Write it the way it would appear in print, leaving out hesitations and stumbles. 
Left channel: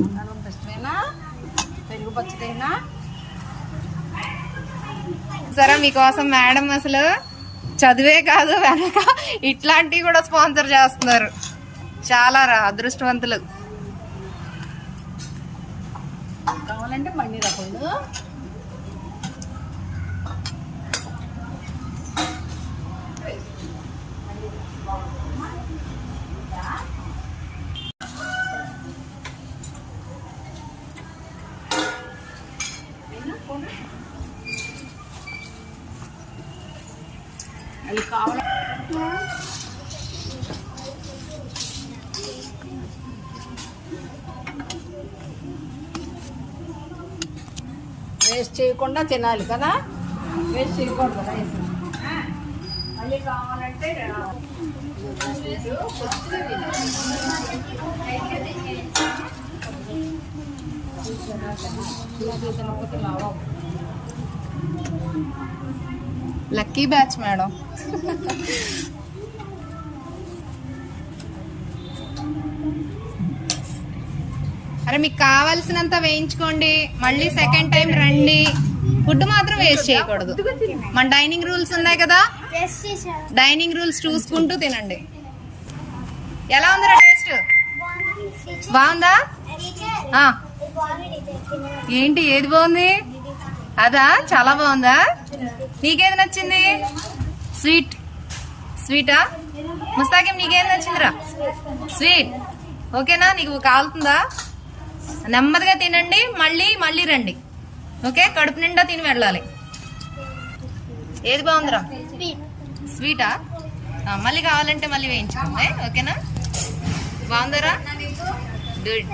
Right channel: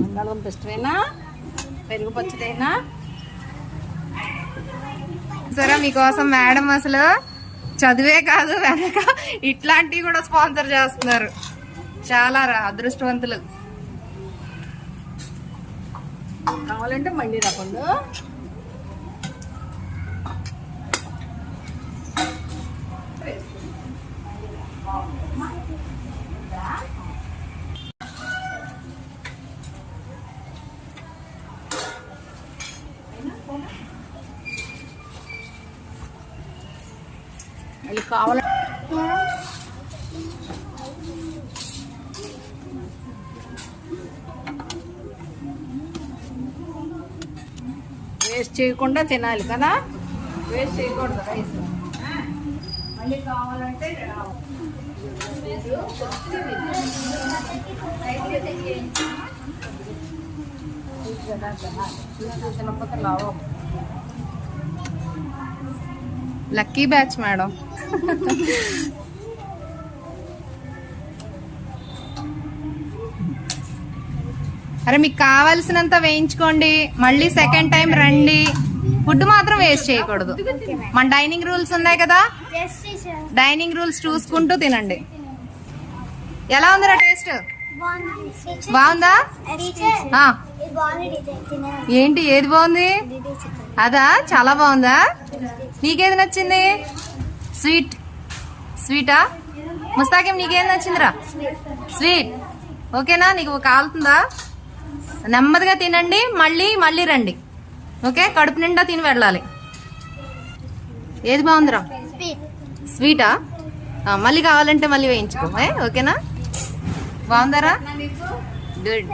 బంగాళదుంప ఇష్టమేనా? పెరుగు పచ్చడైనా సరే మీకోసం మేడం అసలు చదివే కాదు వెనక ఇట్లాంటివి కూడా స్పాన్సర్ చేస్తున్నారు. చాలా అదృష్టవంతులు. కావాలంటే మళ్ళీ రాకుండా అది కావాల వేస్ట్ చేయకుండా తినాలి కదా, వేస్ట్ చేయకూడదు రైస్. మళ్ళీ కావాలంటే తినకపోతే లాభం. Lucky batch madam. అరే మీకు కావాల్సినంత వేయించుకోండి, మళ్ళీ సెకండ్ టైం రండి. ఫుడ్ మాత్రం వేస్ట్ చేయకూడదు. మన డైనింగ్ రూల్స్ ఉన్నాయి కదా, డైనింగ్ రూల్స్ చూసుకుంటూ తినండి. ఎలా ఉందిరా టేస్ట్? బాగుందా? ఏంటి ఏది బాగుంది? అదా చాలా బాగుందా? నీకేది నచ్చింది? స్వీట్ స్వీటా? ముస్తాకిం నీకేది నచ్చిందిరా? స్వీట్. ఓకేనా? నీకు కాలుతుందా? నెమ్మదిగా తినండి, మళ్ళీ మళ్ళీ రండి. ఓకే, కడుపు నిండా తిని వెళ్ళాలి. ఏది బాగుందిరా? స్వీటా? మళ్ళీ కావాలంటే మళ్ళీ వేయించుకో. ఓకేనా? బాగుందరా? గుడ్.